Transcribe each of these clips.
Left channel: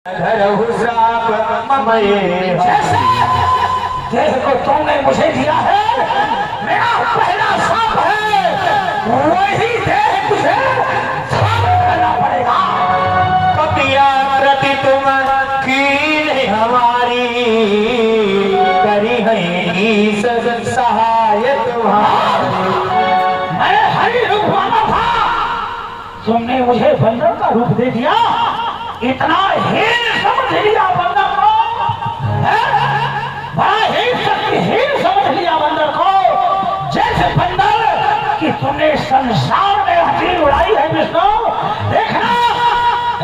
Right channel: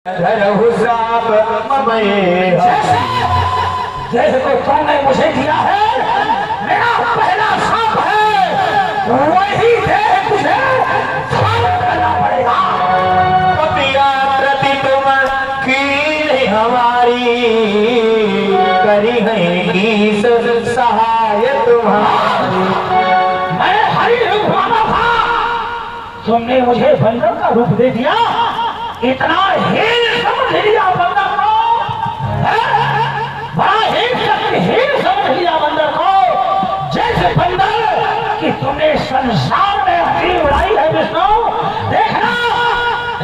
जैसे तुमने मुझे दिया है, मेरा पहला श्राप है, वही देह मुझे धारण करना पड़ेगा। प्रति तुम की हमारी करी है ईश सहाय तुम्हारी। मैं हरि रूप वाला था, तुमने मुझे बंदर का रूप दे दिया। इतना हीन समझ लिया बंदर को, बड़ा हीन समझ लिया बंदर को। जैसे बंदर कि तुमने संसार में हड्डी उड़ाई है विष्णु। देखना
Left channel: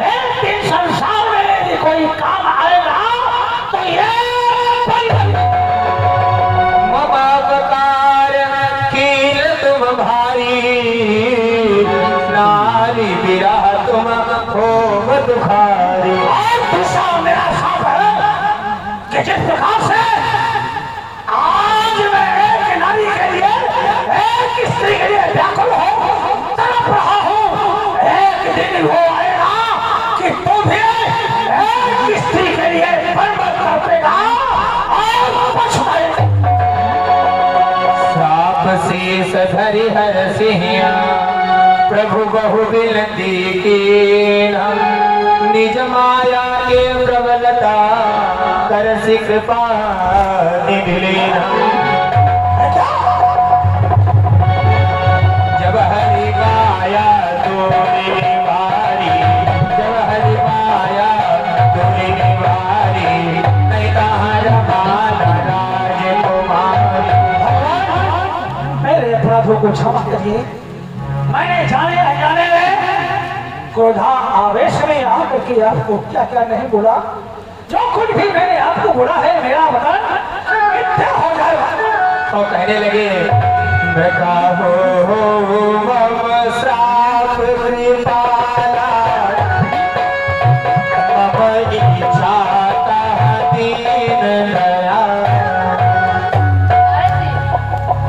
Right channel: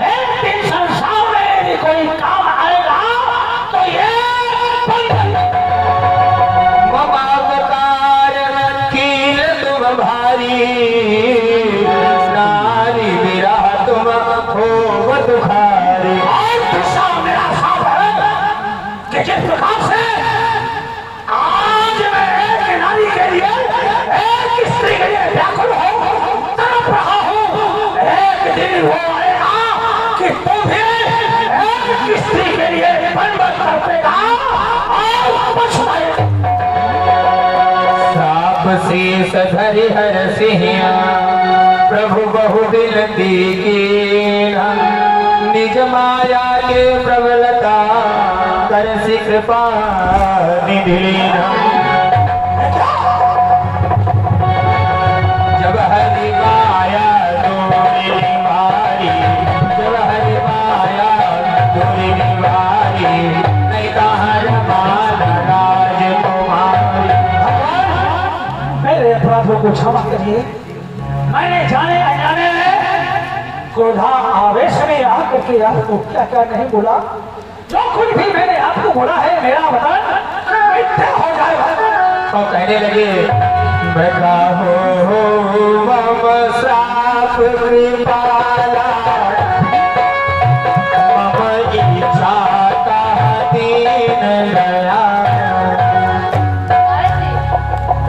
एक दिन संसार में यदि कोई काम आएगा तो ये कील तुम भारी नारी मेरा तुम हो दुखारी। मेरा साथ है कि जिस प्रकार से आज मैं एक नारी के लिए, एक स्त्री के लिए व्याकुल हूँ, तड़प रहा हूँ। एक दिन वो आएगा कि तू भी एक स्त्री के लिए बर्बाद करेगा। साप शीस धरि हर सिंह प्रभु बहु विनती की, निज माया के प्रबलता कर सिख निधि लेना। जब हरि माया तुम्हें निवारी, जब हरि माया तुम्हें निवारी, नहीं कहाँ राजकुमारी। मेरे अपराधों को क्षमा करिए। मैंने जाने अनजाने क्रोधा आवेश में आकर के आपको क्या क्या नहीं बोला। जो कुछ भी मैंने आपको बोला है मेरा वतन मिथ्या हो जाए। तो कहने लगे मृगा हो मम श्राप कृपाला, मम इच्छा दीन दया।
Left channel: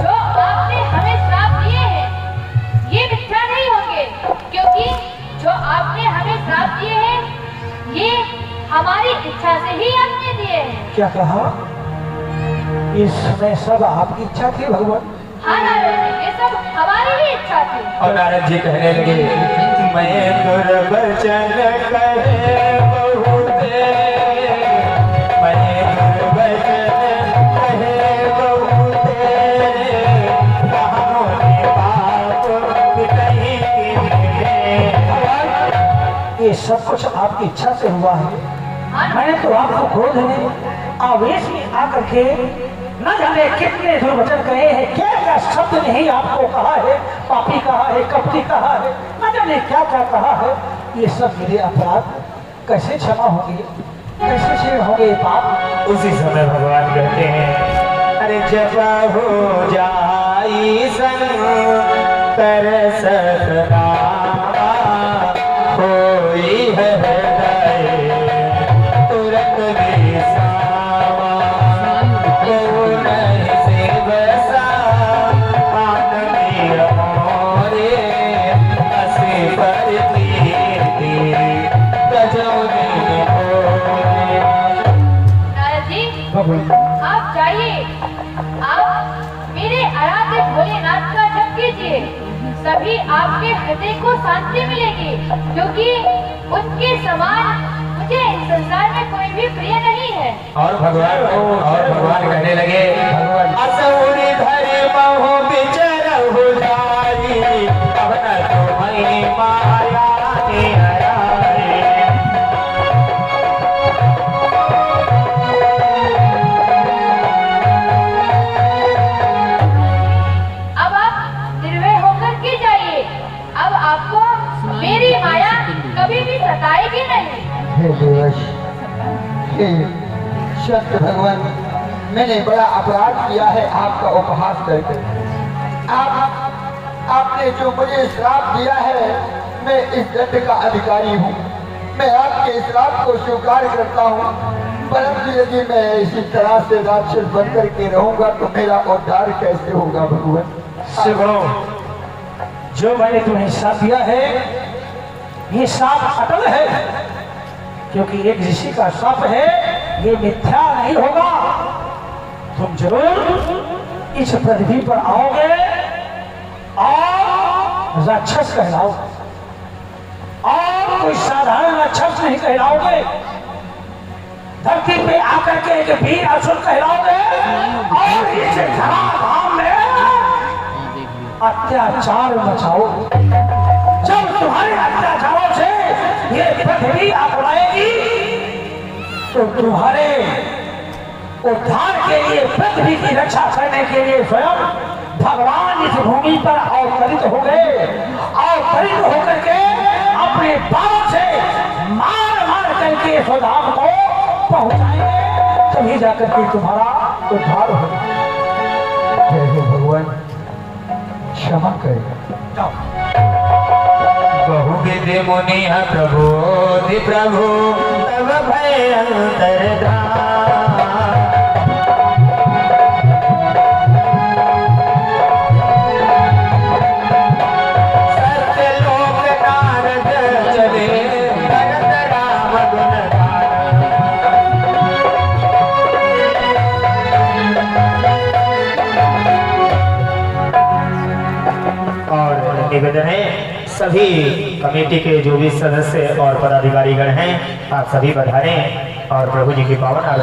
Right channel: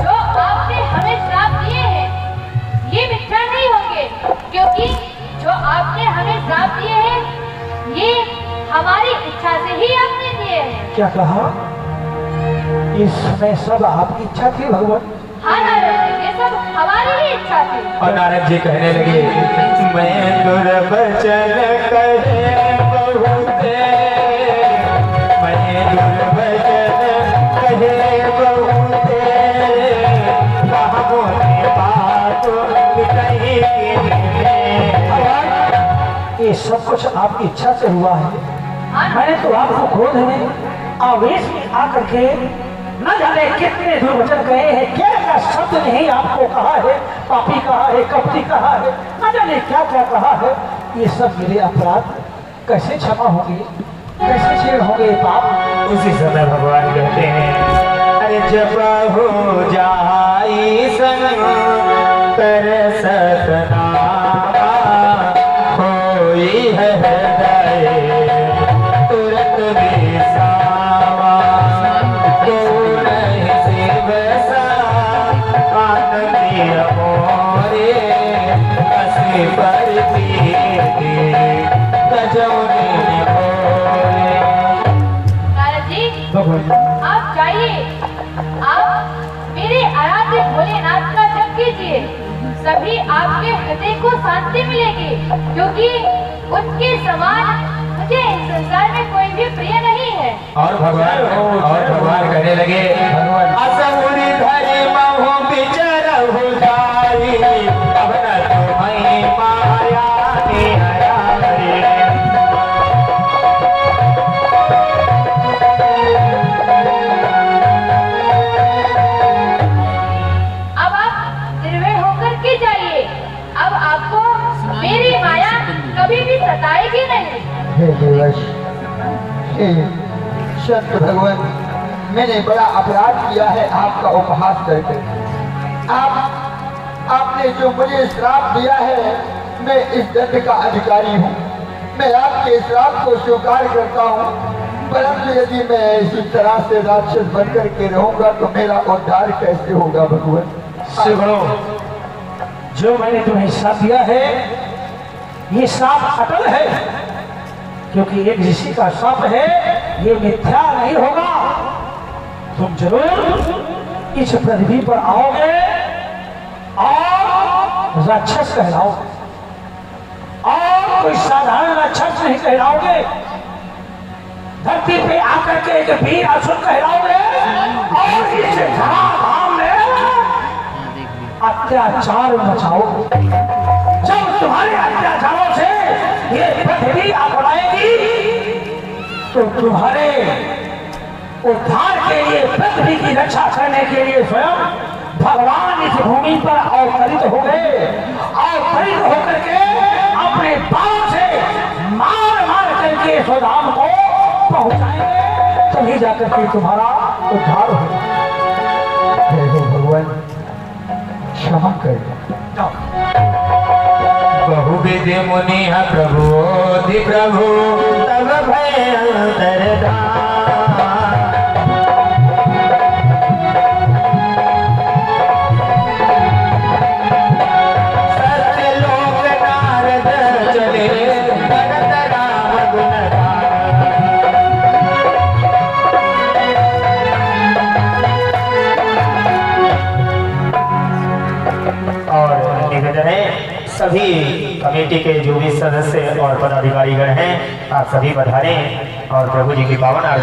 जो आपने हमें श्राप दिए हैं ये मिथ्या नहीं होंगे, क्योंकि जो आपने हमें श्राप दिए हैं ये हमारी इच्छा से ही आपने दिए हैं। क्या कहा? इसमें सब आपकी इच्छा थी भगवान? हाँ नारद जी, ये सब हमारी ही इच्छा थी। और नारद जी कहने लगे मैं दुर्वचन कहे बहुते, मैं दुर्वचन कहे बहुते, कहूँ बात कहीं ये सब कुछ आपकी इच्छा से हुआ है। मैंने तो आपको क्रोध में आवेश में आकर के न जाने कितने दुर्वचन कहे हैं, क्या क्या शब्द नहीं आपको कहा है, पापी कहा है, कपटी कहा है, न जाने क्या क्या कहा है। ये सब मेरे अपराध कैसे क्षमा होंगे, कैसे क्षीण होंगे पाप? उसी समय भगवान कहते हैं अरे जब हो जाई संग कर सतना होई है हृदय तुरंत बेसावा, नहीं से बसा आनंदी मोरे हंसी पर पीते गजब नारद जी आप जाइए, आप मेरे आराध्य भोलेनाथ का जप कीजिए, सभी आपके हृदय को शांति मिलेगी, क्योंकि उनके समान मुझे इस संसार में कोई भी प्रिय नहीं है। और भगवान कहने लगे असुरी धरि महु बिचरहु जाई, अब न तुम्हें माया निहारी। अब आप निर्भय होकर के जाइए, अब आपको मेरी माया कभी भी सताएगी नहीं। हे देवश, हे संत भगवान, मैंने बड़ा अपराध किया है आपका उपहास करके। आपने जो मुझे श्राप दिया है, मैं इस दंड का अधिकारी हूँ। मैं आपके श्राप को स्वीकार करता हूँ, परंतु यदि मैं इसी तरह से राक्षस बनकर के रहूंगा तो मेरा उद्धार कैसे होगा भगवान? सुनो, जो मैंने तुम्हें साथ दिया है ये साफ अटल है। क्योंकि एक ऋषि का शब्द है, ये मिथ्या नहीं होगा। तुम जरूर इस पृथ्वी पर आओगे और राक्षस कहलाओगे, और कोई साधारण राक्षस नहीं कहलाओगे। धरती पे आकर के एक वीर असुर कहलाओगे और इस धराधाम में अत्याचार मचाओगे। जब तुम्हारे अत्याचारों से ये पृथ्वी अपनाएगी तो तुम्हारे उद्धार के लिए, पृथ्वी की रक्षा करने के लिए स्वयं भगवान इस भूमि पर अवतरित हो गए। अवतरित होकर के अपने बालों से मार मार करके स्वधाम को पहुंचाएंगे, तभी जाकर के तुम्हारा उद्धार होगा। हे भगवान क्षमा करेगा। बहुविधि मुनि प्रबोधि प्रभु तब भय अंतर्धान। सत्यलोक नारद चले भरत राम गुणगान। और निवेदन है सभी कमेटी के जो भी सदस्य और पदाधिकारीगण हैं, आप सभी पधारें और प्रभु जी की पावन